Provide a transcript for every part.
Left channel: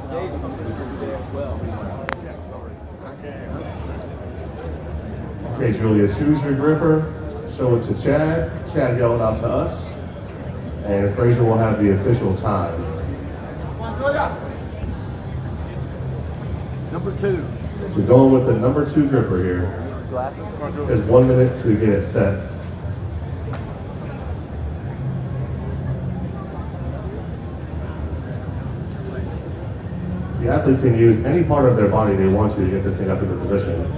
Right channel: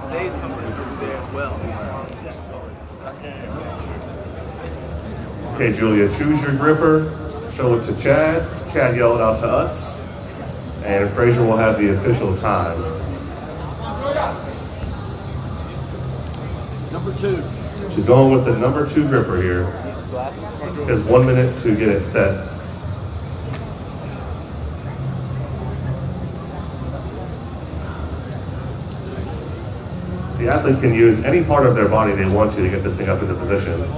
Today's competition group day as well. Okay, Julia, choose your gripper, show it to Chad. Chad, yell it out to us. And Fraser will have the official time. Number 2. She's going with the number 2 gripper here. Has 1 minute to get it set. So the athlete can use any part of their body they want to get this thing up into position.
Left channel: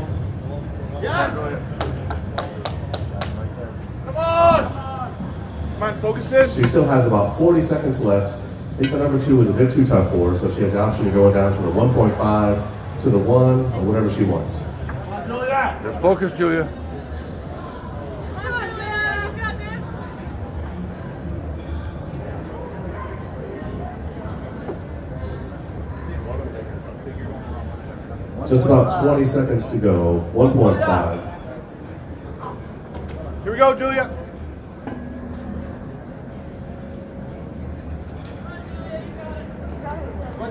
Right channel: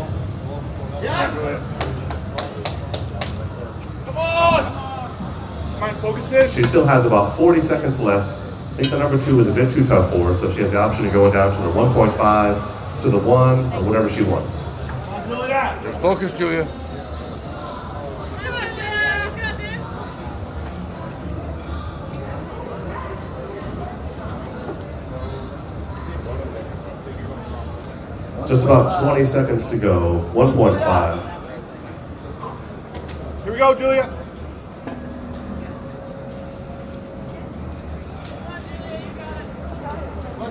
Come on, focus in. She still has about 40 seconds left. I think the number 2 was a bit too tough for her, so she has the option of going down to the 1.5, to the 1, or whatever she wants. Just focus, Julia. Just about 20 seconds to go. 1.5. Here we go, Julia.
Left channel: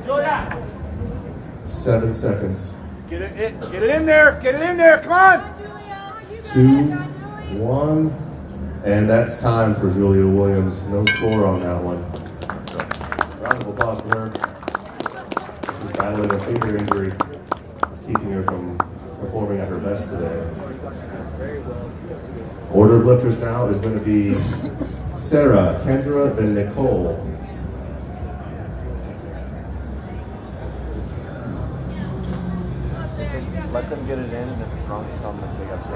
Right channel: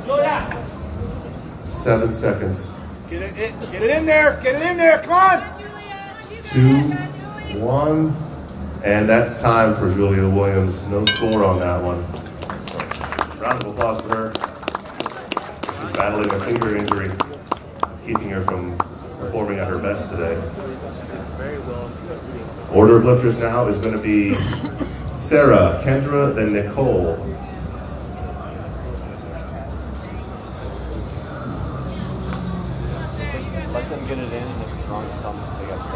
Julia. 7 seconds. Get it in there. Get it in there. Come on. 2, 1, and that's time for Julia Williams. No score on that one. Round of applause for her. She's battling a finger injury. It's keeping her from performing at her best today. Order of lifters now is going to be Sarah, Kendra, then Nicole. Let them get it in, and if it's wrong, just tell them they got to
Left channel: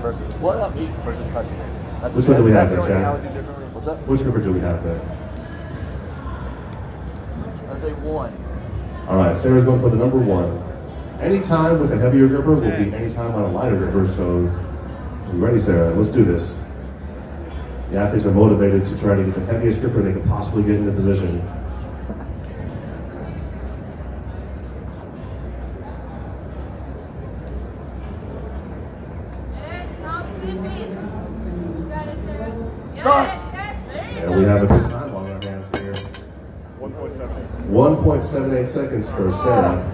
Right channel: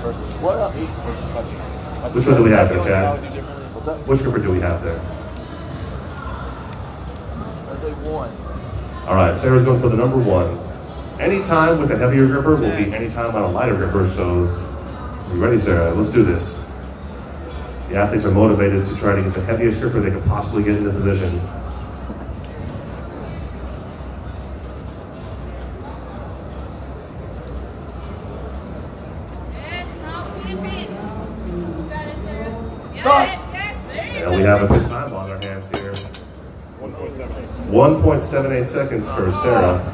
versus What up? versus touching it. Which one do we have there, Chad? What's up? Which gripper do we have there? I say 1. All right, Sarah's going for the number 1. Any time with a heavier gripper will be any time on a lighter gripper, so you ready, Sarah? Let's do this. The athletes are motivated to try to get the heaviest gripper they can possibly get into position. Start. And we have a good time on our hands here. 1.78 seconds for Sarah.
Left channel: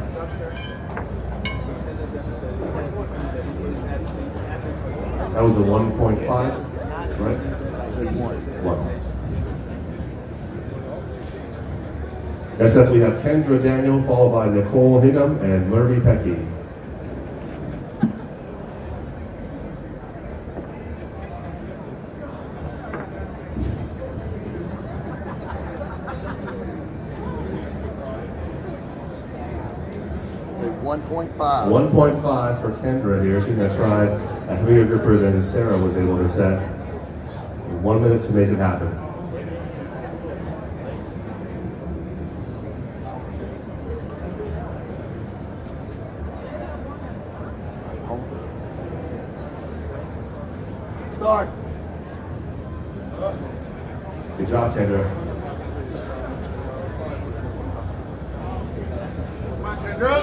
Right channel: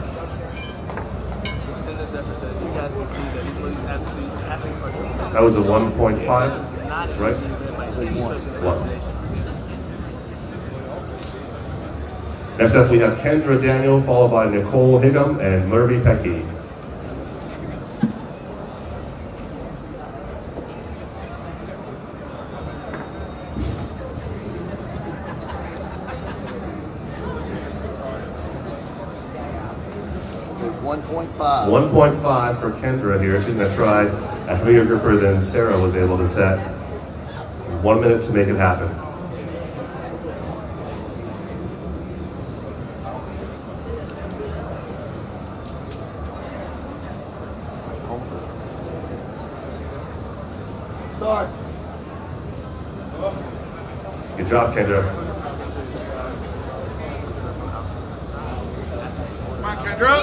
That was a 1.5, right? 1. Next up, we have Kendra Daniel, followed by Nicole Higgum and Murphy Pecky. Okay, 1.5. 1.5 for Kendra here. She's going to try a heavier gripper than Sarah was able to set. 1 minute to make it happen. Start. Good job, Kendra. Come on, Kendra.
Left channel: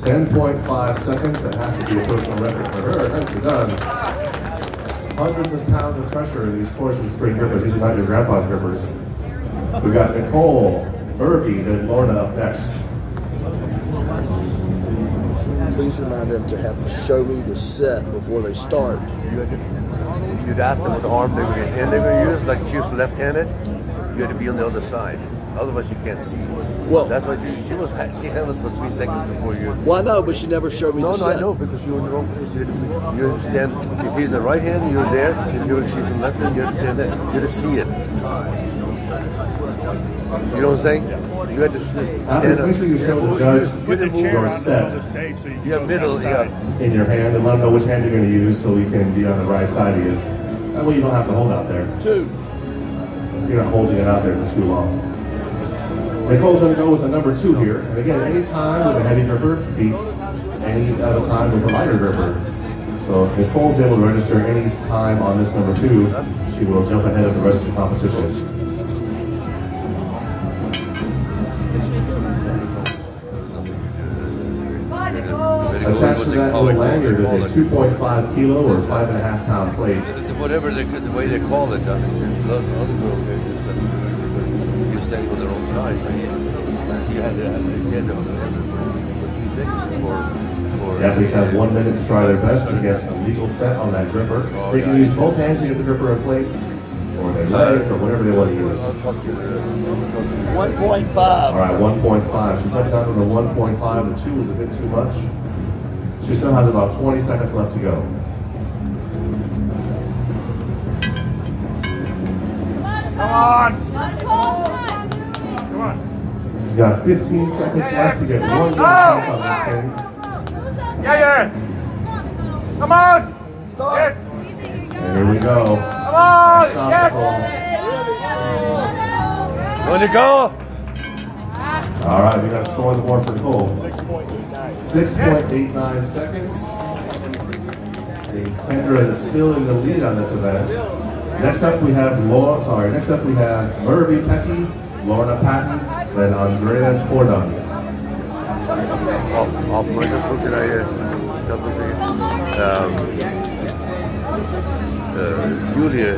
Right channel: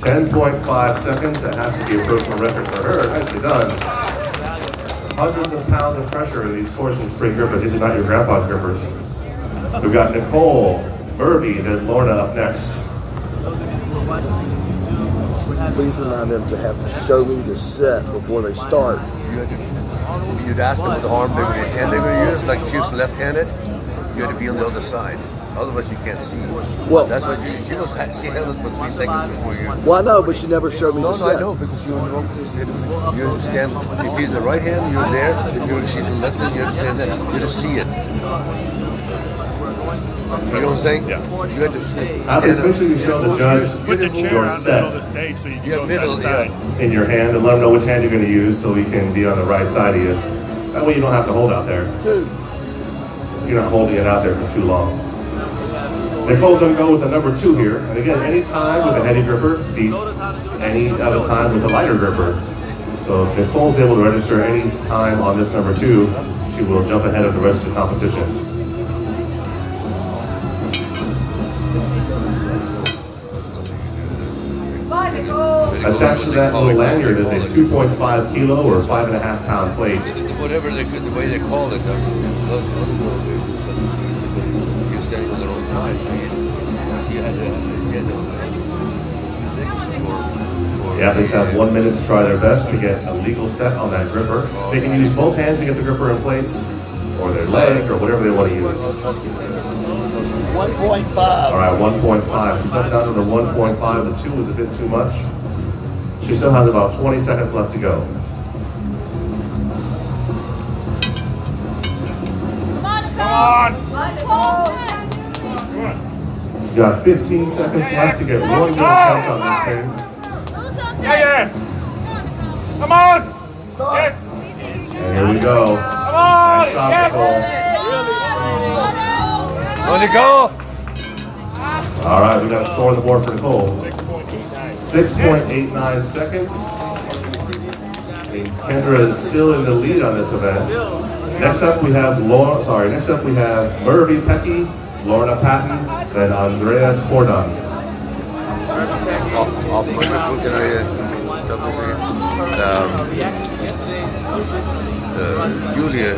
10.5 seconds. That has to be a personal record for her. Nicely done. Hundreds of pounds of pressure in these torsion spring grippers. These are not your grandpa's grippers. We've got Nicole, Murphy, then Lorna up next. Please remind them to have show me the set before they start. You'd ask them what the arm they're going to hand they're going to use. Like if she was left-handed, you had to be on the other side. Otherwise, you can't see. Well, that's what she handled for 3 seconds before you. Well, I know, but she never showed me the set. No, I know, because you're in the wrong place. You stand. If you're in the right hand, you're there. If she's in the left hand, you have to stand there. You have to see it. You know what I'm saying? Yeah. You have to see it. Make sure you show the judge. Put the chair on the middle of the stage so you can go side to side. In your hand and let them know which hand you're going to use so we can be on the right side of you. That way you don't have to hold out there. 2. You're not holding it out there for too long. Nicole's going to go with the number 2 here. And again, any time with a heavy gripper beats any other time with a lighter gripper. So if Nicole's able to register any time on this number 2, she will jump ahead of the rest of the competition. Attached to that little lanyard is a 2.5 kilo or 5.5 pound plate. Whatever the way they call it, this other girl there just got some The athletes have 1 minute to try their best to get a legal set on that gripper. They can use both hands to get the gripper in place, or their leg, or whatever they want to use. 1.5. All right, 1.5. She jumped down to the 1.5. The 2 was a bit too much. She still has about 20 seconds left to go. You got 15 seconds left to get one good attempt on this thing. Yeah. Come on. Start. And here we go. Nice shot, Nicole. On you go. All right, we got a score on the board for Nicole. 6.89 seconds. Means Kendra is still in the lead on this event. Next up we have Murphy Pecky, Lorna Patton, and Andreas Hornung. Off my looking at Julia,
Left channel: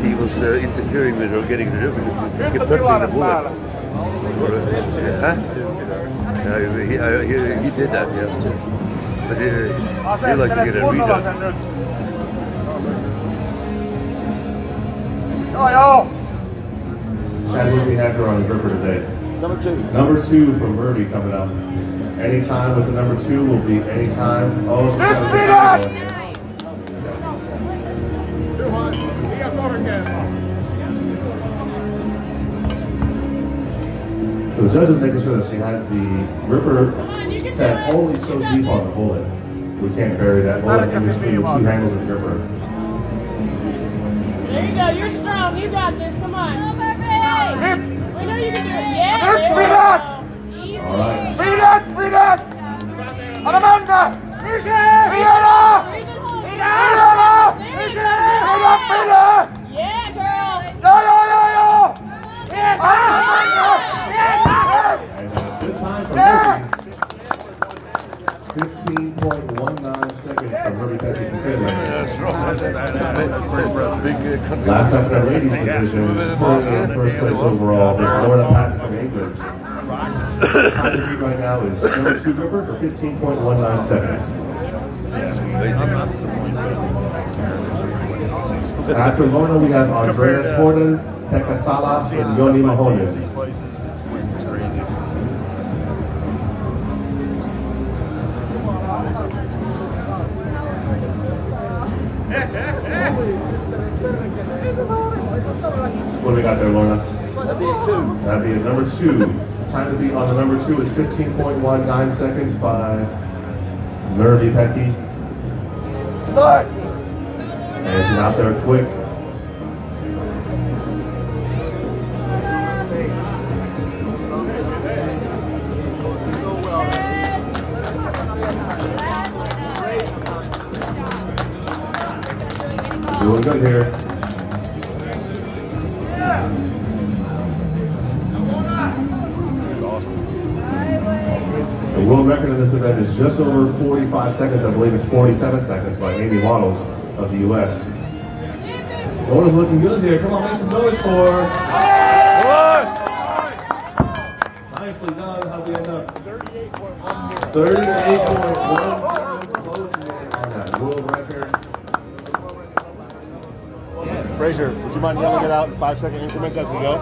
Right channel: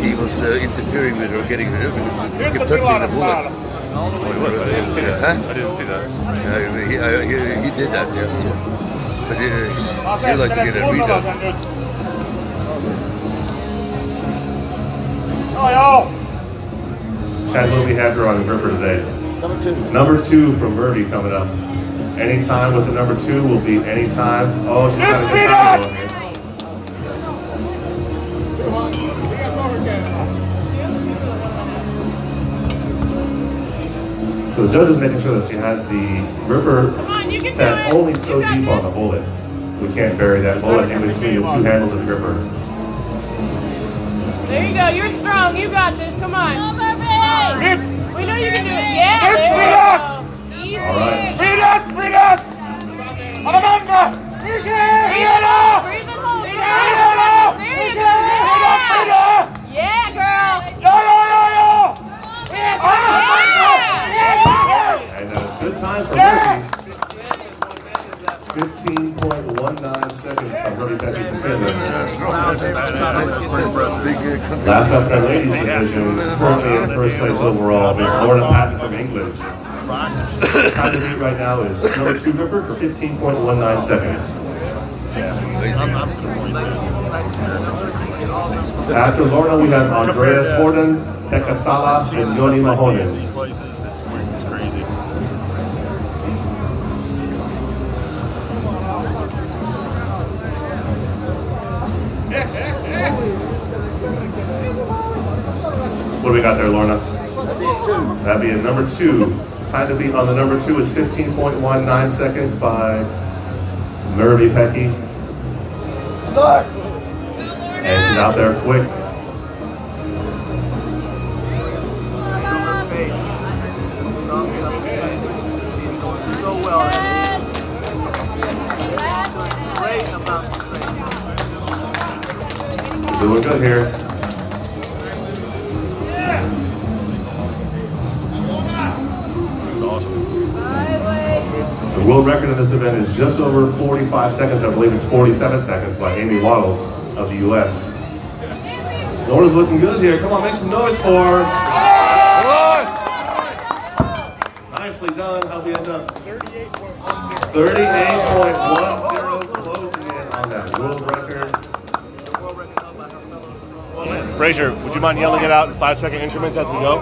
he was interfering with her getting rid of it. He kept touching the bullet. I didn't see that. Huh? I didn't see that. He did that, yeah. But she'd like to get a redone. Chad, what do we have here on gripper today? Number 2. Number 2 from Murphy coming up. Any time with the number 2 will be any time. Oh, she's got a good time going here. The judge is making sure that she has the gripper set only so deep on the bullet. We can't bury that bullet in between the 2 handles of the gripper. There you go. You're strong. You got this. Come on. We know you can do it. Yeah. There you go. Easy. All right. Breathe out. Alamanda. Breathe in. Breathe and hold. Breathe There you go. Yeah, girl. No. Yeah. And good time for Murphy. 15.19 seconds for Murphy Pecky from Finland. That's badass. That's pretty impressive. Last up in the ladies division, currently in first place overall, is Lorna Patton from England. Time to beat right now is still 2 gripper for 15.19 seconds. Yeah, I'm disappointed. After Lorna, we have Andreas Gordon, Pekka Sala, and Joni Mahonen. These places, it's crazy. What do we got there, Lorna? That'd be a 2. That'd be a number 2. Time to beat on the number 2 is 15.19 seconds by Murphy Pecky. Start. And she's out there quick. Doing good here. It's awesome. The world record in this event is just over 45 seconds. I believe it's 47 seconds by Amy Waddles of the U.S. Lorna's looking good here. Come on, make some noise for her. Nicely done. How'd we end up? 38.10, closing in on that world record. Fraser, would you mind yelling it out in 5-second increments as we go?